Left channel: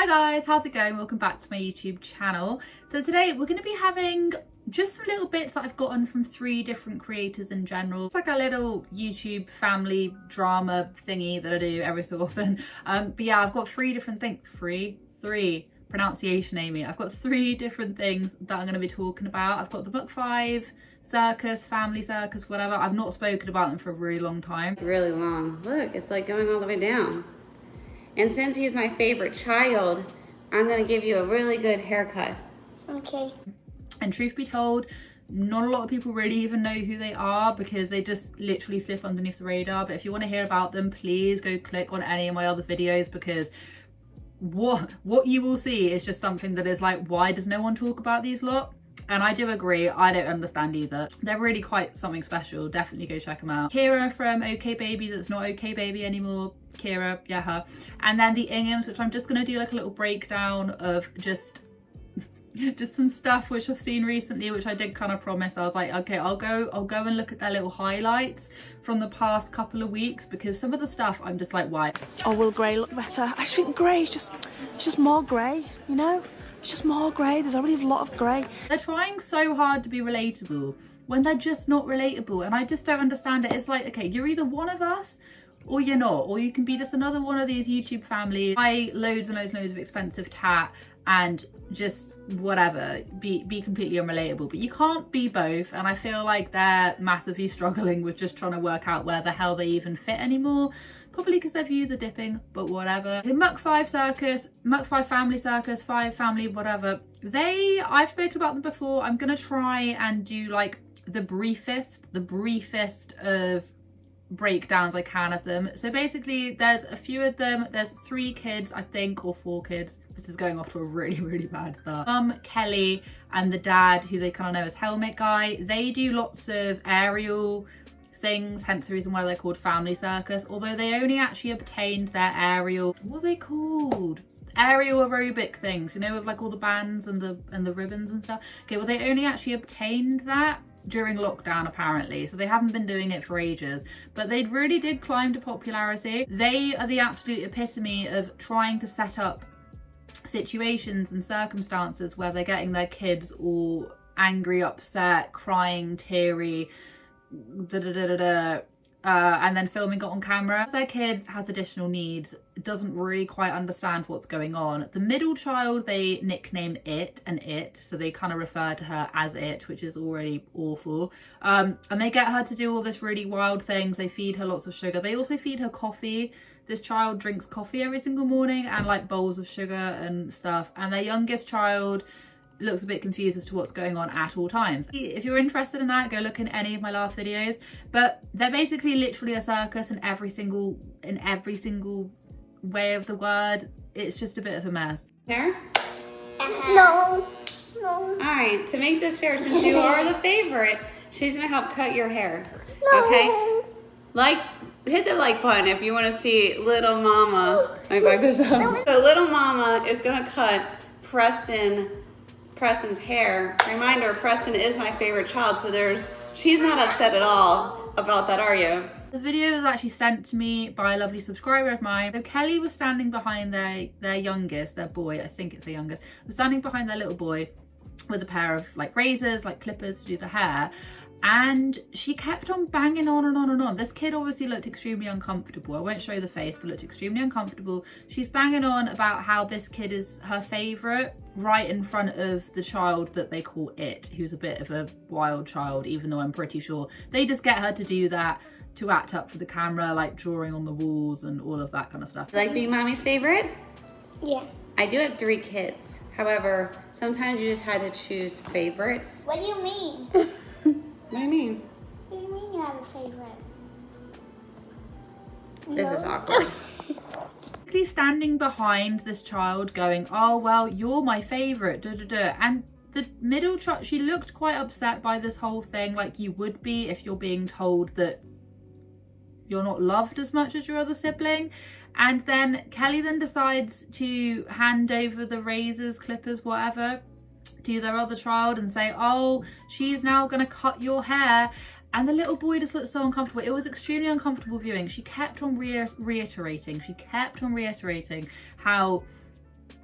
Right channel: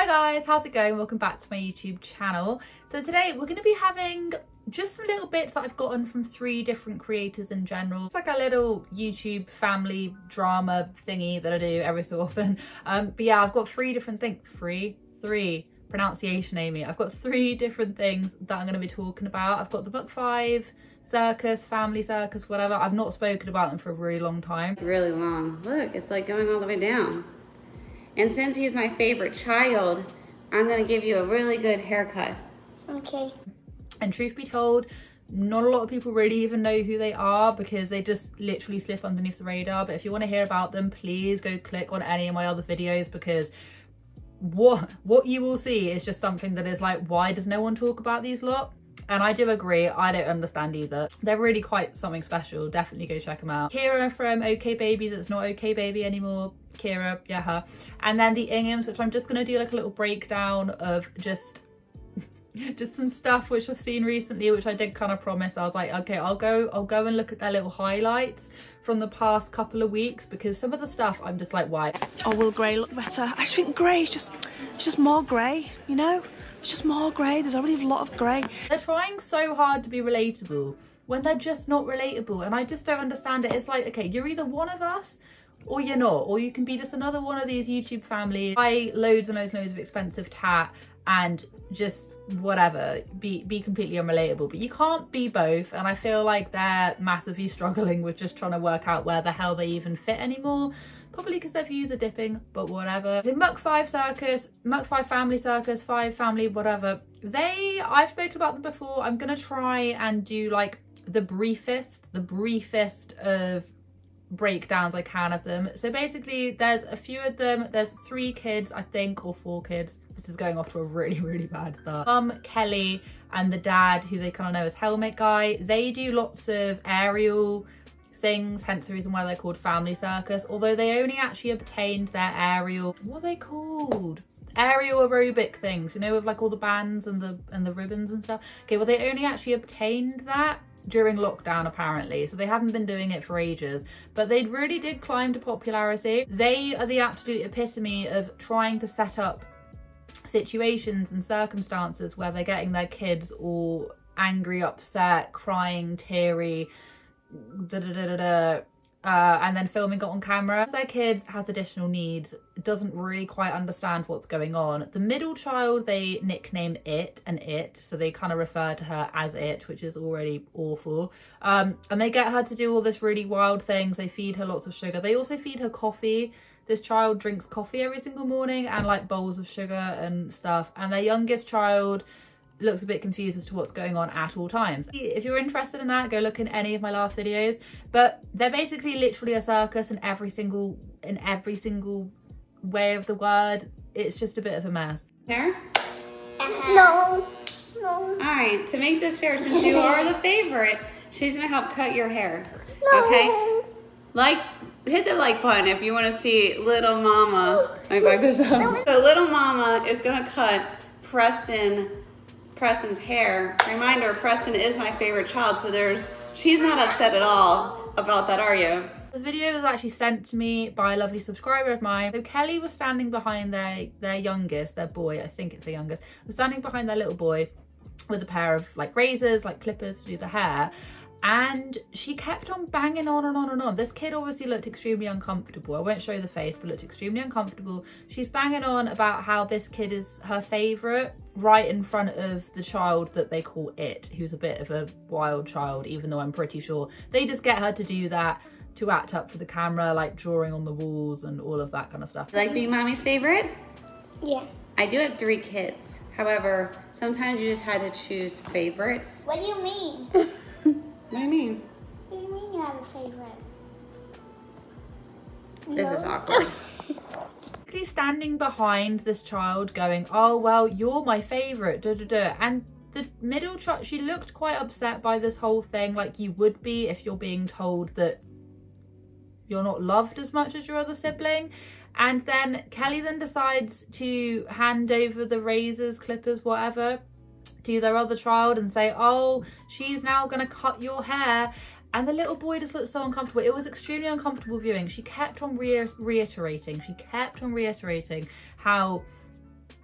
Hi guys, how's it going? Welcome back to my YouTube channel. So today we're going to be having just some little bits that I've gotten from 3 different creators in general. It's like a little YouTube family drama thingy that I do every so often. But yeah, I've got 3 different things. Three. Pronunciation, Amy. I've got 3 different things that I'm going to be talking about. I've got the MCFIVE Circus, Family Circus, whatever. I've not spoken about them for a really long time. Really long. Look, it's like going all the way down. And since he's my favorite child, I'm going to give you a really good haircut. Okay. And truth be told, not a lot of people really even know who they are because they just literally slip underneath the radar. But if you want to hear about them, please go click on any of my other videos, because what you will see is just something that is like, why does no one talk about these lot? And I do agree, I don't understand either. They're really quite something special. Definitely go check them out. KYRA from OKbaby, that's not OKbaby anymore. KYRA, yeah, her. And then the INGHAMs, which I'm just going to do like a little breakdown of just some stuff which I've seen recently, which I did kind of promise. I was like, okay, I'll go and look at their little highlights from the past couple of weeks, because some of the stuff I'm just like, why? Oh, will grey look better? I just think grey is just more grey, you know? It's just more grey. There's already a lot of grey. They're trying so hard to be relatable when they're just not relatable, and I just don't understand it. It's like, okay, you're either one of us or you're not, or you can be just another one of these YouTube families, buy loads and loads and loads of expensive tat and just whatever, be completely unrelatable. But you can't be both, and I feel like they're massively struggling with just trying to work out where the hell they even fit anymore. Probably because their views are dipping, but whatever. The MCFIVE Circus, MCFIVE Family Circus, 5 Family, whatever. I've spoken about them before. I'm gonna try and do like the briefest of breakdowns I can of them. So basically there's a few of them. There's 3 kids, I think, or 4 kids. This is going off to a really bad start. Kelly and the dad, who they kind of know as Helmet Guy, they do lots of aerial things, hence the reason why they're called Family Circus, although they only actually obtained their aerial, what are they called? Aerial aerobic things, you know, with like all the bands and the ribbons and stuff. Okay, well, they only actually obtained that during lockdown apparently, so they haven't been doing it for ages, but they really did climb to popularity. They are the absolute epitome of trying to set up situations and circumstances where they're getting their kids all angry, upset, crying, teary, and then filming it on camera. Their kid has additional needs, doesn't really quite understand what's going on. The middle child they nickname It and It, so they kind of refer to her as It, which is already awful. And they get her to do all this really wild things. They feed her lots of sugar. They also feed her coffee. This child drinks coffee every single morning and like bowls of sugar and stuff. And their youngest child looks a bit confused as to what's going on at all times. If you're interested in that, go look in any of my last videos. But they're basically literally a circus in every single way of the word. It's just a bit of a mess. Hair? No. All right, to make this fair, since you are the favorite, she's gonna help cut your hair. No. Okay? Hit the like button if you want to see little mama. Let me back this up. So little mama is gonna cut Preston's hair. Reminder, Preston is my favorite child, so she's not upset at all about that, are you? The video was actually sent to me by a lovely subscriber of mine. So Kelly was standing behind their youngest, their boy, I think it's the youngest, was standing behind their little boy with a pair of like razors, like clippers to do the hair. And she kept on banging on and on and on. This kid obviously looked extremely uncomfortable. I won't show you the face, but looked extremely uncomfortable. She's banging on about how this kid is her favourite, right in front of the child that they call It, who's a bit of a wild child, even though I'm pretty sure they just get her to do that to act up for the camera, like drawing on the walls and all of that kind of stuff. Like being mommy's favorite? Yeah. I do have 3 kids. However, sometimes you just had to choose favorites. What do you mean? What do you mean? What do you mean you have a favorite? This is awkward. Standing behind this child going, oh, well, you're my favourite, and the middle child, she looked quite upset by this whole thing, like you would be if you're being told that you're not loved as much as your other sibling. And then Kelly then decides to hand over the razors, clippers, whatever, to their other child and say, oh, she's now gonna cut your hair. And the little boy just looked so uncomfortable. It was extremely uncomfortable viewing. She kept on reiterating how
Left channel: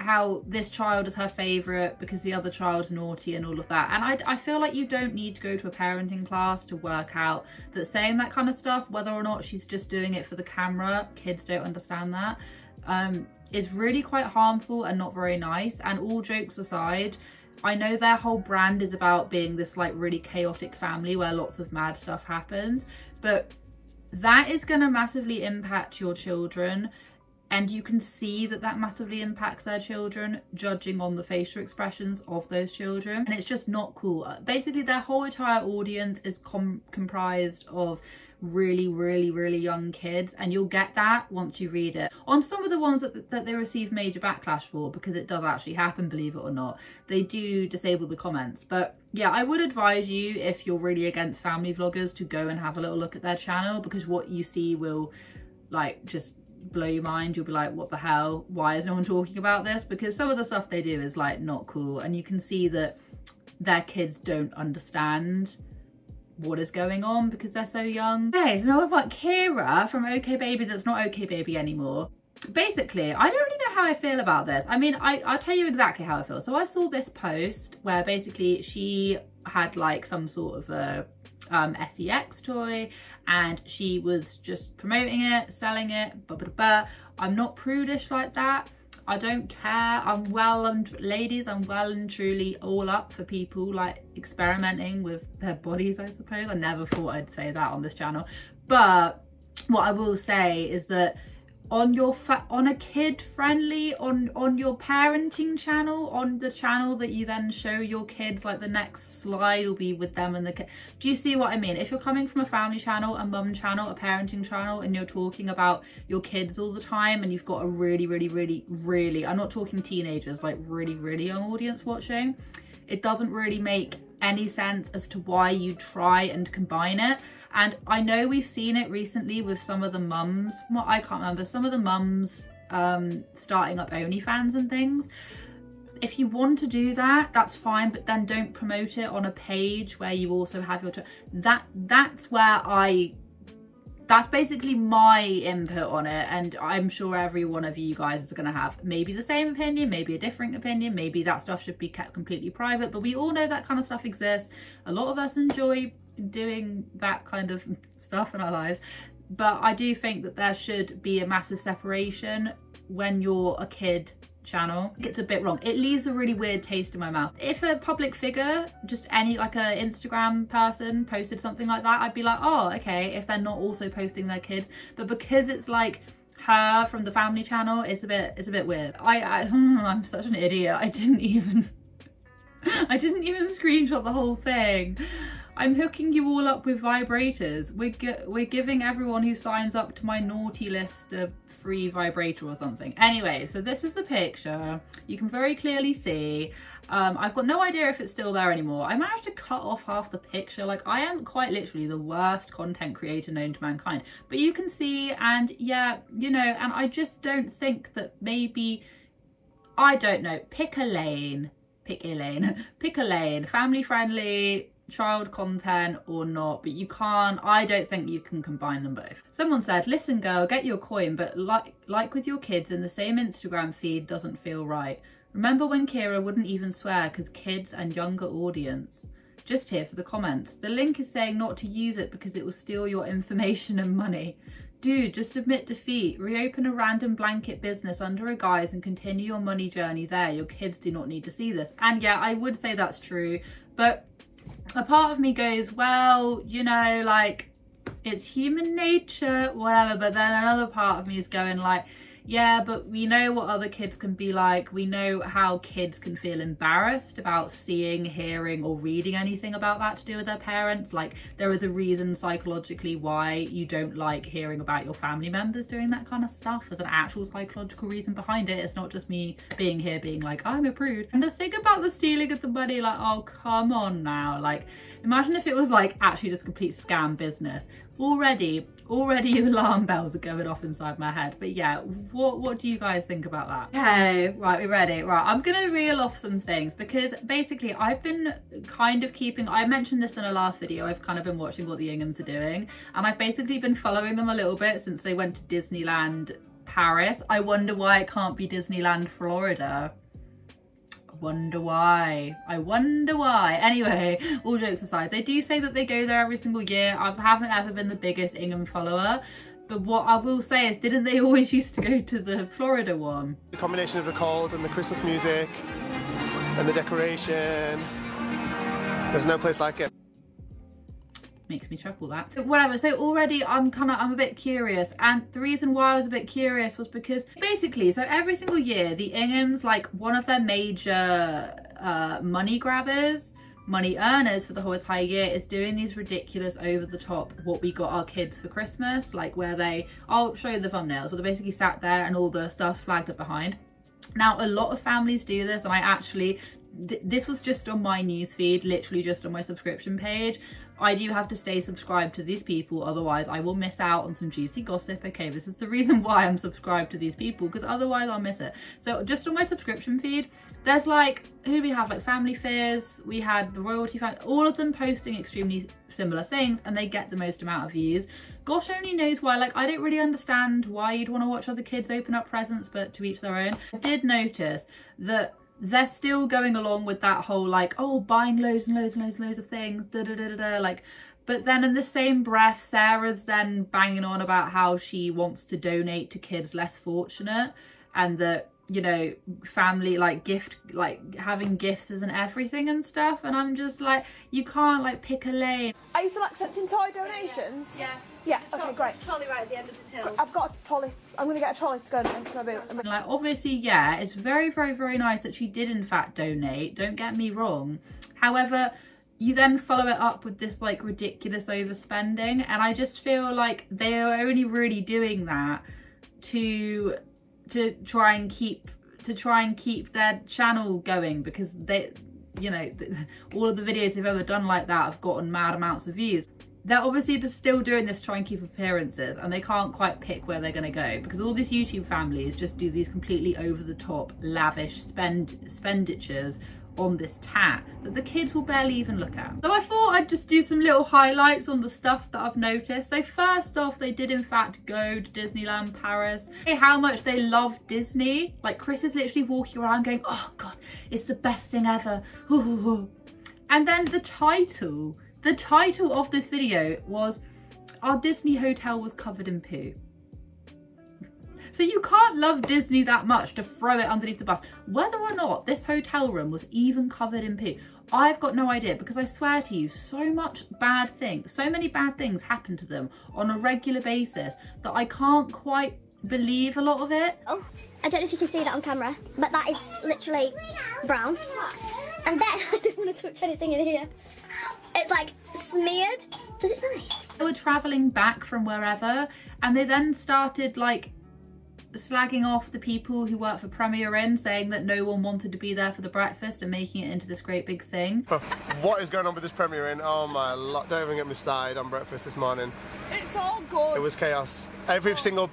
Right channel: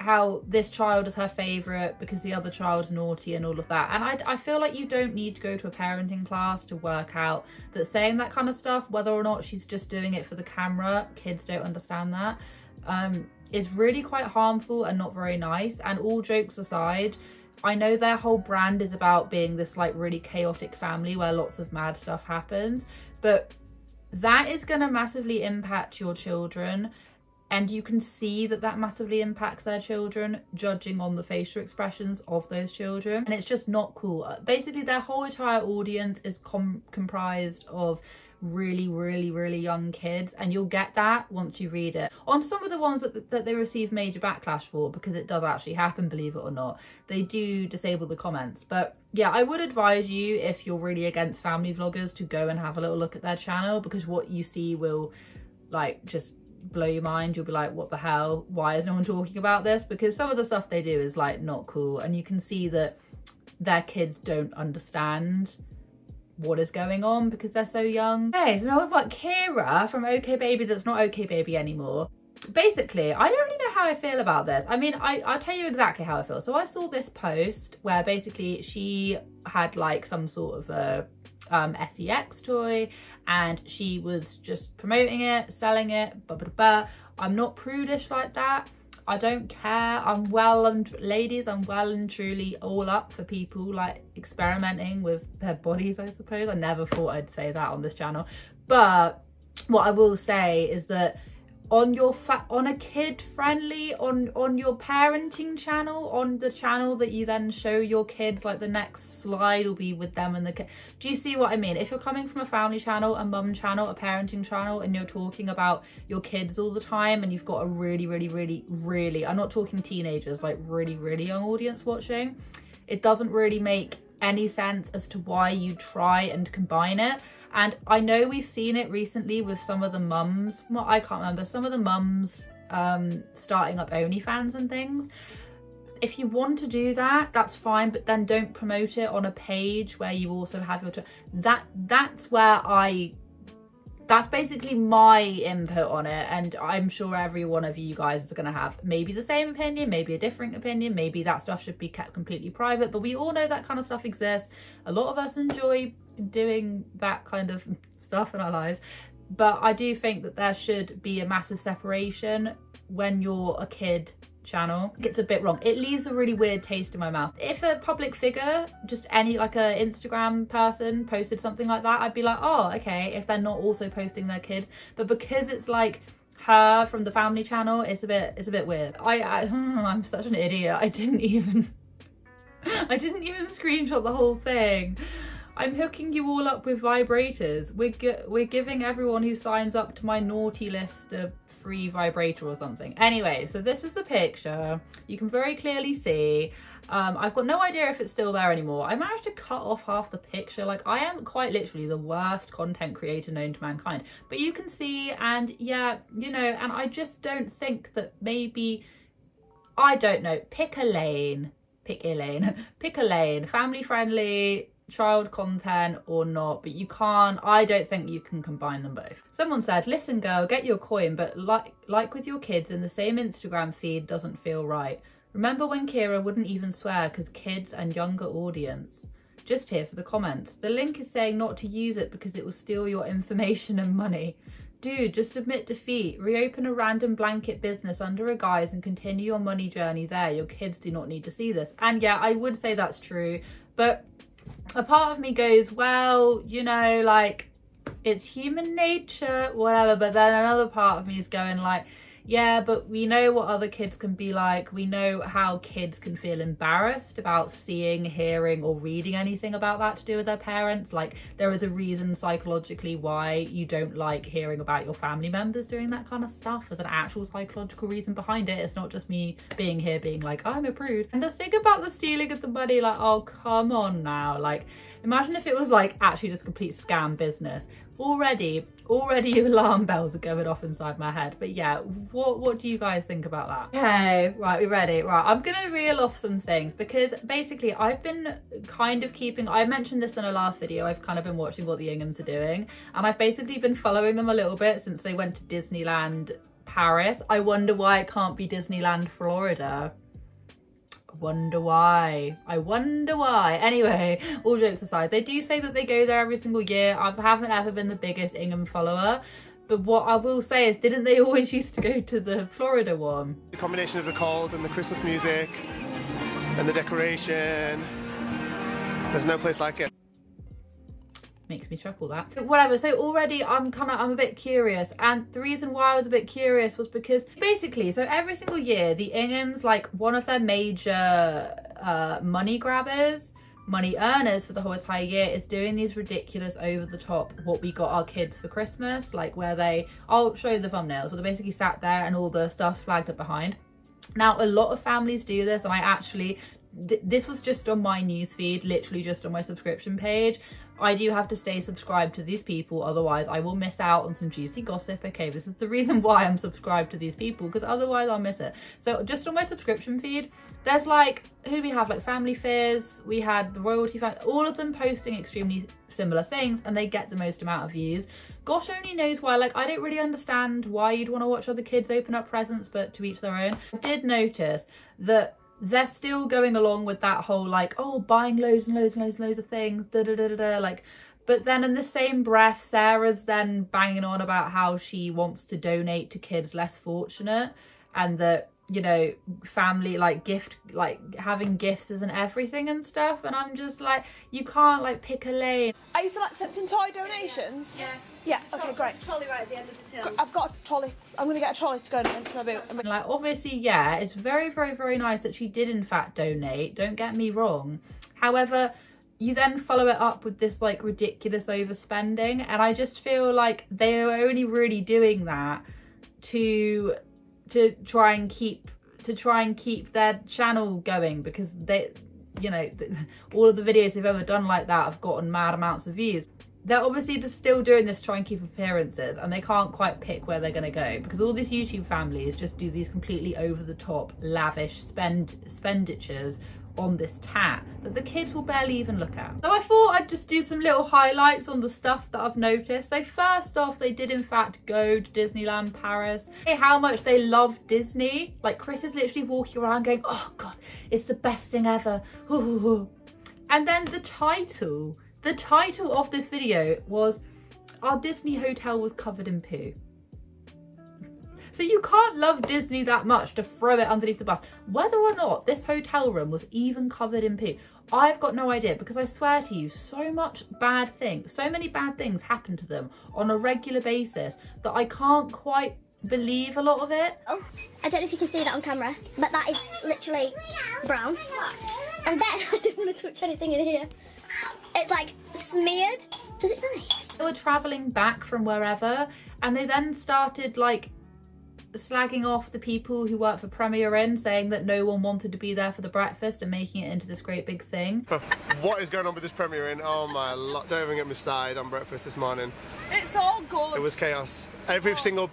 how this child is her favorite because the other child's naughty and all of that. And I feel like you don't need to go to a parenting class to work out that saying that kind of stuff, whether or not she's just doing it for the camera, kids don't understand that, is really quite harmful and not very nice. And all jokes aside, I know their whole brand is about being this like really chaotic family where lots of mad stuff happens, but that is going to massively impact your children. And you can see that that massively impacts their children, judging on the facial expressions of those children. And it's just not cool. Basically, their whole entire audience is comprised of really, really, really young kids. And you'll get that once you read it. On some of the ones that they receive major backlash for, because it does actually happen, believe it or not, they do disable the comments. But yeah, I would advise you, if you're really against family vloggers, to go and have a little look at their channel, because what you see will like just blow your mind. You'll be like, what the hell, why is no one talking about this? Because some of the stuff they do is like not cool, and you can see that their kids don't understand what is going on because they're so young. Okay, so now we've got KYRA from OKbaby that's not OKbaby anymore. Basically, I don't really know how I feel about this. I mean, I'll tell you exactly how I feel. So I saw this post where basically she had like some sort of a sex toy, and she was just promoting it, selling it, I'm not prudish like that. I don't care. I'm well and ladies, I'm well and truly all up for people like experimenting with their bodies, I suppose. I never thought I'd say that on this channel, but what I will say is that on your on a kid friendly, on your parenting channel, on the channel that you then show your kids, like the next slide will be with them and the kid. Do you see what I mean? If you're coming from a family channel, a mum channel, a parenting channel, and you're talking about your kids all the time, and you've got a really, I'm not talking teenagers, like really young audience watching, it doesn't really make any sense as to why you try and combine it. And I know we've seen it recently with some of the mums, well, I can't remember, some of the mums starting up OnlyFans and things. If you want to do that, that's fine, but then don't promote it on a page where you also have your that's basically my input on it, and I'm sure every one of you guys is going to have maybe the same opinion, maybe a different opinion, maybe that stuff should be kept completely private, but we all know that kind of stuff exists. A lot of us enjoy doing that kind of stuff in our lives, but I do think that there should be a massive separation when you're a kid channel. It's a bit wrong. It leaves a really weird taste in my mouth. If a public figure, just any like a Instagram person posted something like that, I'd be like, oh, okay, if they're not also posting their kids. But because it's like her from the family channel, it's a bit weird. I'm such an idiot. I didn't even screenshot the whole thing. I'm hooking you all up with vibrators. We're giving everyone who signs up to my naughty list a free vibrator or something. Anyway, so this is the picture. You can very clearly see. I've got no idea if it's still there anymore. I managed to cut off half the picture. Like, I am quite literally the worst content creator known to mankind. But you can see, and yeah, you know, and I just don't think that maybe, I don't know, pick a lane, family friendly, child content or not, but you can't, I don't think you can combine them both. Someone said, listen girl, get your coin, but like with your kids in the same Instagram feed doesn't feel right. Remember when KYRA wouldn't even swear because kids and younger audience? Just here for the comments. The link is saying not to use it because it will steal your information and money. Dude, just admit defeat. Reopen a random blanket business under a guise and continue your money journey there. Your kids do not need to see this. And yeah, I would say that's true, but a part of me goes, well, you know, like, it's human nature, whatever. But then another part of me is going like, yeah, but we know what other kids can be like. We know how kids can feel embarrassed about seeing, hearing or reading anything about that to do with their parents. Like, there is a reason psychologically why you don't like hearing about your family members doing that kind of stuff. There's an actual psychological reason behind it. It's not just me being here being like, I'm a prude. And the thing about the stealing of the money, like, oh, come on now. Like, imagine if it was like actually just complete scam business. Already alarm bells are going off inside my head. But yeah, what do you guys think about that? Okay, right, we're ready. Right, I'm gonna reel off some things because basically I've been kind of keeping, I mentioned this in a last video, I've kind of been watching what the Inghams are doing, and I've basically been following them a little bit since they went to Disneyland Paris. I wonder why it can't be Disneyland Florida. I wonder why. Anyway, all jokes aside, they do say that they go there every single year. I haven't ever been the biggest INGHAM follower, but what I will say is, didn't they always used to go to the Florida one? The combination of the cold and the Christmas music and the decoration, there's no place like it. Makes me chuckle that. So whatever, so already I'm a bit curious, and the reason why I was a bit curious was because basically, so every single year the INGHAMs, like one of their major money grabbers, money earners for the whole entire year, is doing these ridiculous over the top what we got our kids for Christmas, like where I'll show you the thumbnails, where they basically sat there and all the stuff's flagged up behind. Now a lot of families do this, and I actually, this was just on my newsfeed, literally just on my subscription page. I do have to stay subscribed to these people, otherwise I will miss out on some juicy gossip. Okay, this is the reason why I'm subscribed to these people, because otherwise I'll miss it. So just on my subscription feed, there's like, who do we have? Like Family Fears, we had the Royalty Family, all of them posting extremely similar things, and they get the most amount of views. Gosh only knows why. Like, I don't really understand why you'd want to watch other kids open up presents, but to each their own. I did notice that they're still going along with that whole like, oh, buying loads and loads and loads and loads of things, like, but then in the same breath, Sarah's then banging on about how she wants to donate to kids less fortunate, and that, you know, family, like having gifts isn't everything and stuff, and I'm just like, you can't like pick a lane. Are you still accepting toy donations? Yeah. Yeah, okay, great. Trolley right at the end of the till. I've got a trolley. I'm going to get a trolley to go into my boot. And like, obviously, yeah, it's very, very, very nice that she did in fact donate, don't get me wrong. However, you then follow it up with this like ridiculous overspending, and I just feel like they are only really doing that to try and keep their channel going, because they, you know, all of the videos they've ever done like that have gotten mad amounts of views. They're obviously just still doing this to try and keep appearances, and they can't quite pick where they're going to go, because all these YouTube families just do these completely over the top lavish expenditures on this tat that the kids will barely even look at. So I thought I'd just do some little highlights on the stuff that I've noticed. So first off, they did in fact go to Disneyland Paris. How much they love Disney. Like, Chris is literally walking around going, oh god, it's the best thing ever. And then the title of this video was, our Disney hotel was covered in poo. So you can't love Disney that much to throw it underneath the bus. Whether or not this hotel room was even covered in poo, I've got no idea, because I swear to you, so many bad things happen to them on a regular basis that I can't quite believe a lot of it. Oh, I don't know if you can see that on camera, but that is literally brown. And then I don't want to touch anything in here. It's like smeared. Does it smell like? They were travelling back from wherever, and they then started like slagging off the people who work for Premier Inn, saying that no one wanted to be there for the breakfast and making it into this great big thing. What is going on with this Premier Inn? Oh my lot, don't even get me started on breakfast this morning. It's all good. It was chaos. Every single,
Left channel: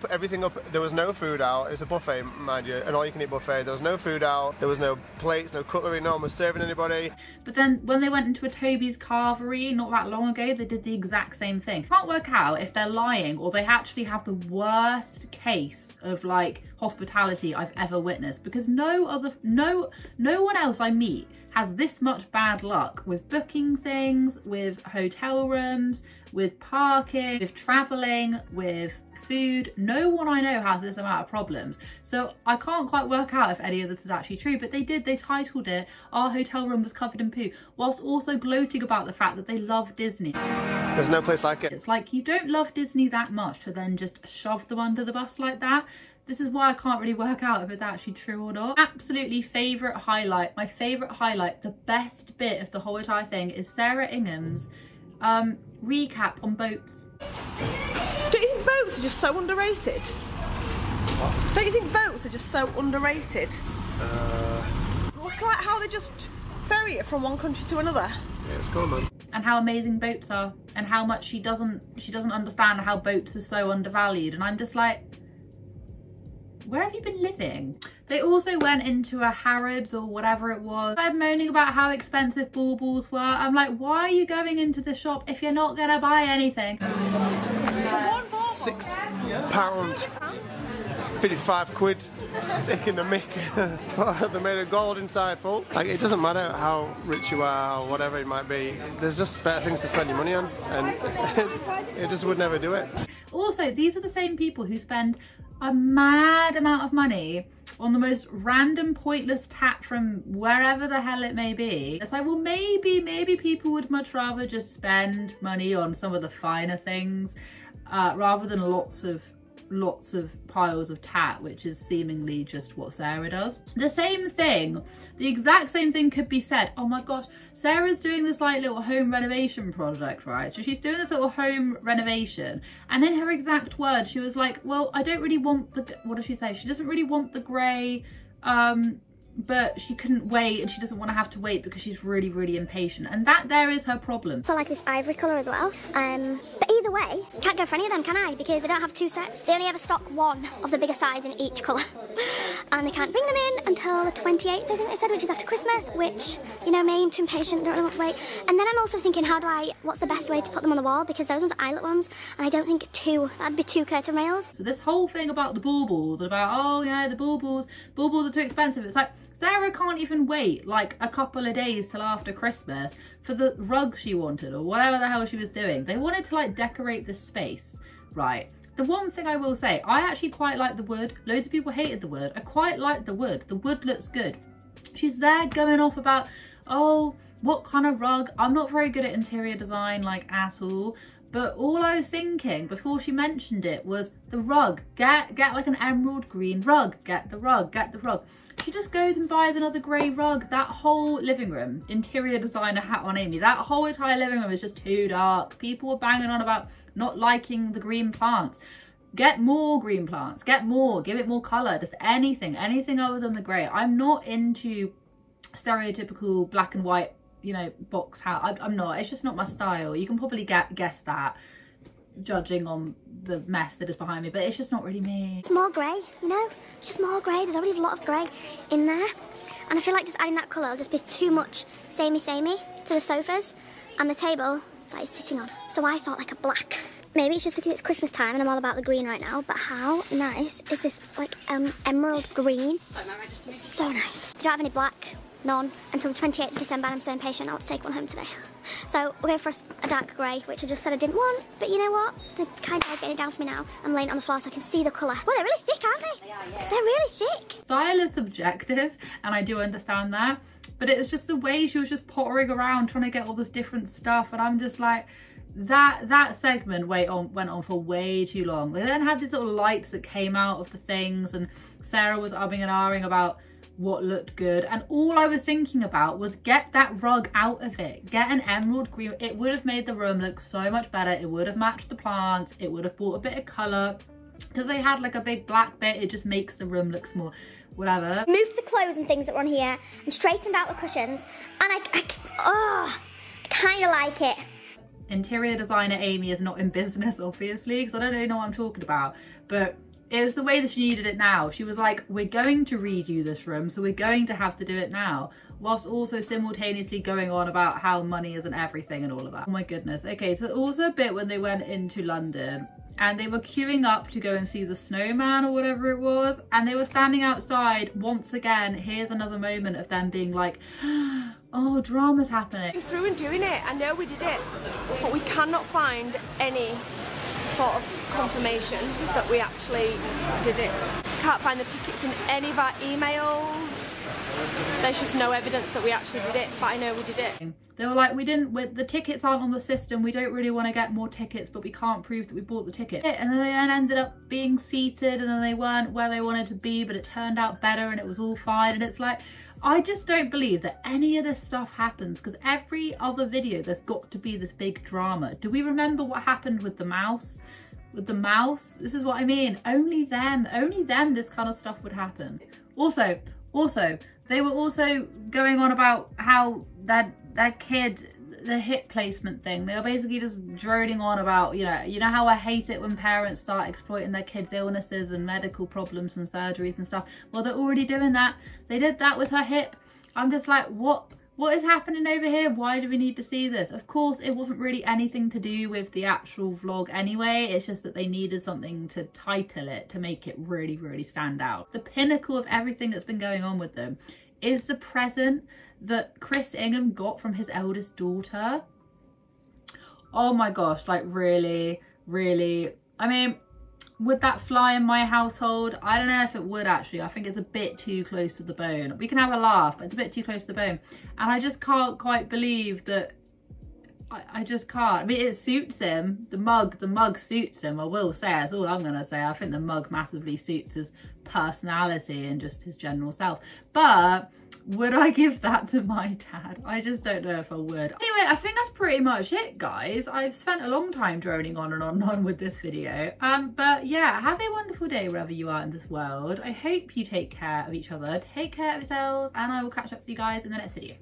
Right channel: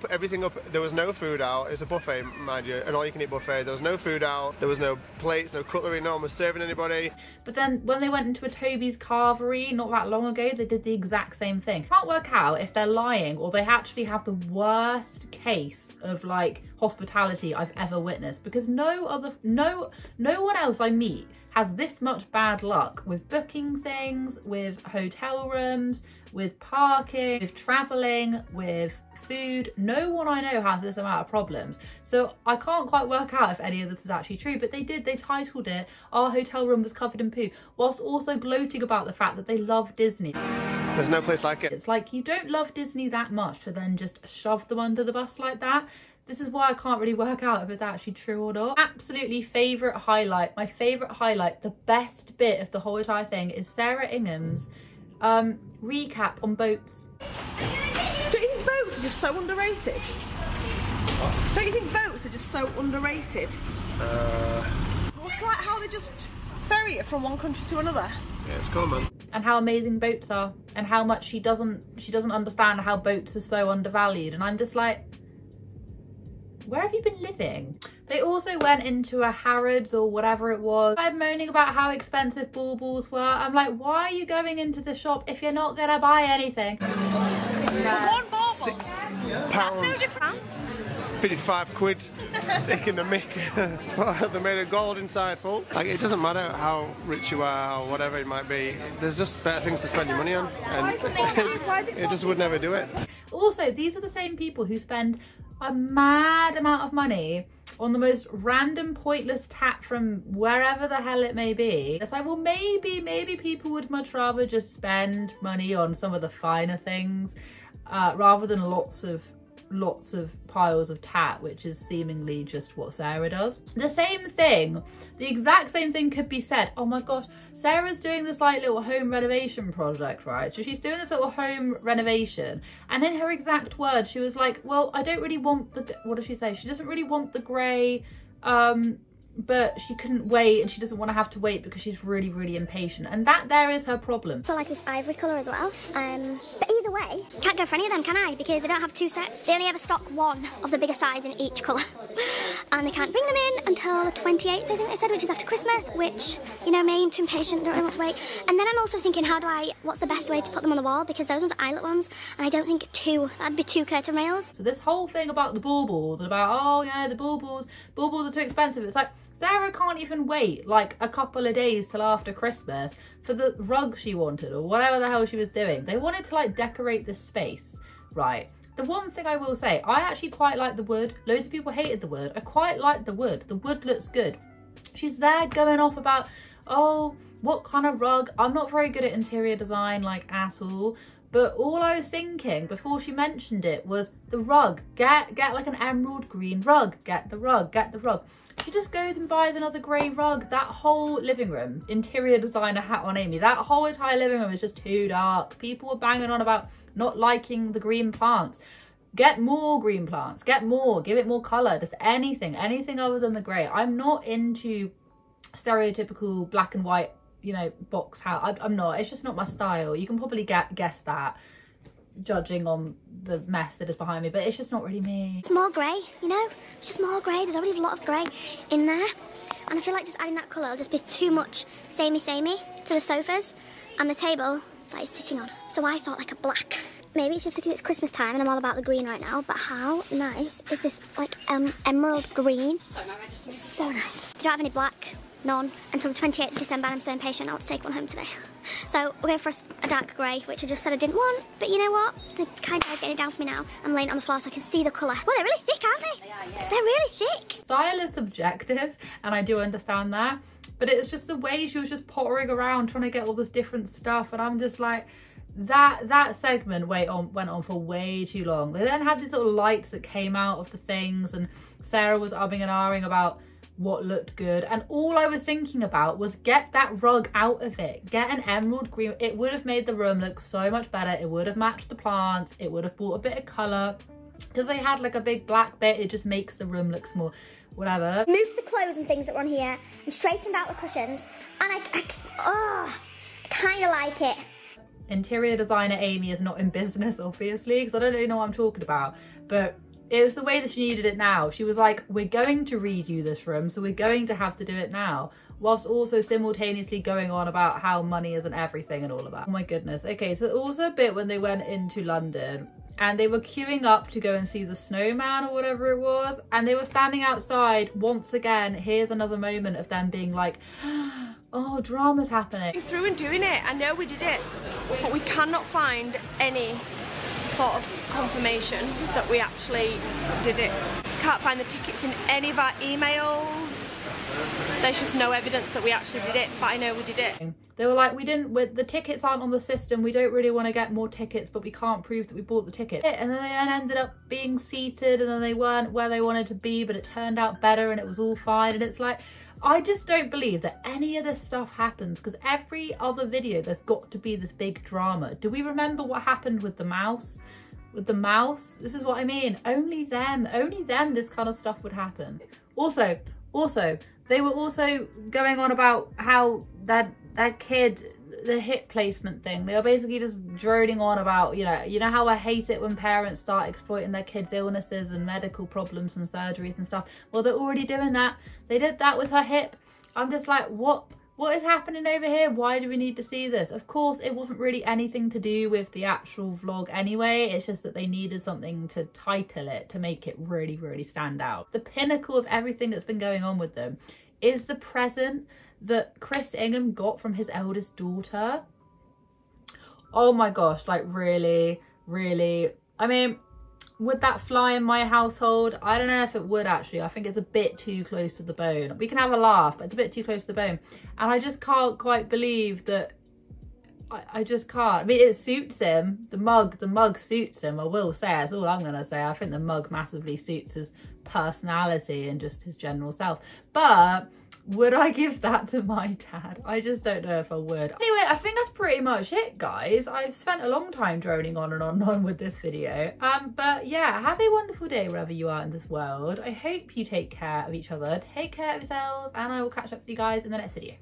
there was no food out. It was a buffet, mind you, an all-you-can-eat buffet. There was no food out. There was no plates, no cutlery. No one was serving anybody. But then when they went into a Toby's Carvery not that long ago, they did the exact same thing. Can't work out if they're lying or they actually have the worst case of like hospitality I've ever witnessed, because no one else I meet has this much bad luck with booking things, with hotel rooms, with parking, with traveling, with food. No one I know has this amount of problems. So I can't quite work out if any of this is actually true, but they titled it, our hotel room was covered in poo, whilst also gloating about the fact that they love Disney. There's no place like it. It's like, you don't love Disney that much to then just shove them under the bus like that. This is why I can't really work out if it's actually true or not. Absolutely favourite highlight, my favourite highlight, the best bit of the whole entire thing is Sarah Ingham's recap on boats. Don't you think boats are just so underrated? What? Don't you think boats are just so underrated? Look at how they just ferry it from one country to another. Yeah, it's cool, man. And how amazing boats are, and how much she doesn't understand how boats are so undervalued. And I'm just like, where have you been living? They also went into a Harrods or whatever it was. I'm moaning about how expensive baubles were. I'm like, why are you going into the shop if you're not gonna buy anything? For one bauble? £6. 55 quid taking the mick. They made a gold inside full. Like, it doesn't matter how rich you are or whatever it might be, there's just better things to spend your money on, and it just would never do it. Also, these are the same people who spend a mad amount of money on the most random pointless tap from wherever the hell it may be. It's like, well, maybe people would much rather just spend money on some of the finer things rather than lots of piles of tat, which is seemingly just what Sarah does. The same thing, the exact same thing could be said. Oh my gosh, Sarah's doing this like little home renovation project, right? So she's doing this little home renovation, and in her exact words, she was like, well, I don't really want the, what does she say? She doesn't really want the grey, but she couldn't wait, and she doesn't want to have to wait because she's really, really impatient. And that there is her problem. So I like this ivory colour as well. But either way, can't go for any of them, can I? Because they don't have two sets. They only ever stock one of the bigger size in each colour. And they can't bring them in until the 28th, I think they said, which is after Christmas, which, you know me, I'm too impatient, don't really want to wait. And then I'm also thinking, what's the best way to put them on the wall? Because those ones are eyelet ones, and I don't think that'd be two curtain rails. So this whole thing about the baubles, about, oh yeah, the baubles are too expensive. It's like, Sarah can't even wait like a couple of days till after Christmas for the rug she wanted, or whatever the hell she was doing. They wanted to like decorate this space, right? The one thing I will say, I actually quite like the wood. Loads of people hated the wood. I quite like the wood. The wood looks good. She's there going off about, oh, what kind of rug? I'm not very good at interior design, like, at all. But all I was thinking before she mentioned it was the rug. Get like an emerald green rug. Get the rug. She just goes and buys another grey rug. That whole living room, interior designer hat on Amy, that whole entire living room is just too dark. People were banging on about not liking the green plants. Get more green plants. Get more. Give it more colour. Just anything other than the grey. I'm not into stereotypical black and white, you know, box hat. I'm not. It's just not my style. You can probably guess that, judging on the mess that is behind me, but it's just not really me. It's more grey, you know? It's just more grey. There's already a lot of grey in there. And I feel like just adding that colour will just be too much samey to the sofas and the table that it's sitting on. So I thought like a black. Maybe it's just because it's Christmas time and I'm all about the green right now, but how nice is this like emerald green? It's so nice. Do you have any black? None. Until the 28th of December, and I'm so impatient I want to take one home today. So we're going for a dark grey, which I just said I didn't want, but you know what? The kind guy's getting it down for me now. I'm laying it on the floor so I can see the colour. Well, they're really thick, aren't they? Yeah. They're really thick. Style is subjective, and I do understand that, but it was just the way she was just pottering around trying to get all this different stuff, and I'm just like, that segment went on for way too long. They then had these little lights that came out of the things, and Sarah was umming and ahhing about what looked good, and all I was thinking about was get that rug out of it. Get an emerald green. It would have made the room look so much better. It would have matched the plants. It would have brought a bit of colour. Because they had like a big black bit, it just makes the room look small. Whatever. Moved the clothes and things that were on here and straightened out the cushions, and I kind of like it. Interior designer Amy is not in business, obviously, because I don't really know what I'm talking about, but it was the way that she needed it now. She was like, we're going to redo this room, so we're going to have to do it now, whilst also simultaneously going on about how money isn't everything and all of that. Oh my goodness. Okay, so also a bit when they went into London and they were queuing up to go and see the snowman or whatever it was, and they were standing outside once again. Here's another moment of them being like, oh, drama's happening. Through and doing it, I know we did it, but we cannot find any sort of confirmation that we actually did it. Can't find the tickets in any of our emails. There's just no evidence that we actually did it, but I know we did it. They were like, the tickets aren't on the system, we don't really want to get more tickets, but we can't prove that we bought the ticket. And then they ended up being seated, and then they weren't where they wanted to be, but it turned out better and it was all fine. And it's like, I just don't believe that any of this stuff happens, because every other video there's got to be this big drama. Do we remember what happened with the mouse? With the mouse? This is what I mean. Only them this kind of stuff would happen. Also, they were also going on about how that kid, the hip placement thing, they were basically just droning on about, you know how I hate it when parents start exploiting their kids' illnesses and medical problems and surgeries and stuff. Well, they're already doing that. They did that with her hip. I'm just like, what What is happening over here? Why do we need to see this? Of course, it wasn't really anything to do with the actual vlog anyway. It's just that they needed something to title it to make it really, really stand out. The pinnacle of everything that's been going on with them is the present that Chris Ingham got from his eldest daughter. Oh my gosh, like really, really. I mean, would that fly in my household? I don't know if it would actually. I think it's a bit too close to the bone. We can have a laugh, but it's a bit too close to the bone. And I just can't quite believe that. I just can't. I mean, it suits him. The mug suits him. I will say, that's all I'm gonna say. I think the mug massively suits his personality and just his general self. But would I give that to my dad? I just don't know if I would. Anyway, I think that's pretty much it, guys. I've spent a long time droning on and on and on with this video. But yeah, have a wonderful day wherever you are in this world. I hope you take care of each other, take care of yourselves, and I will catch up with you guys in the next video.